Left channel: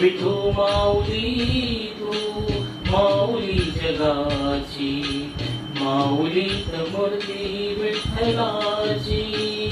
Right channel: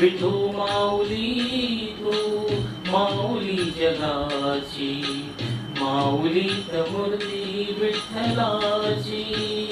विठू माऊली तू माऊली जगाची माऊली मूर्ती विठ्ठलाची.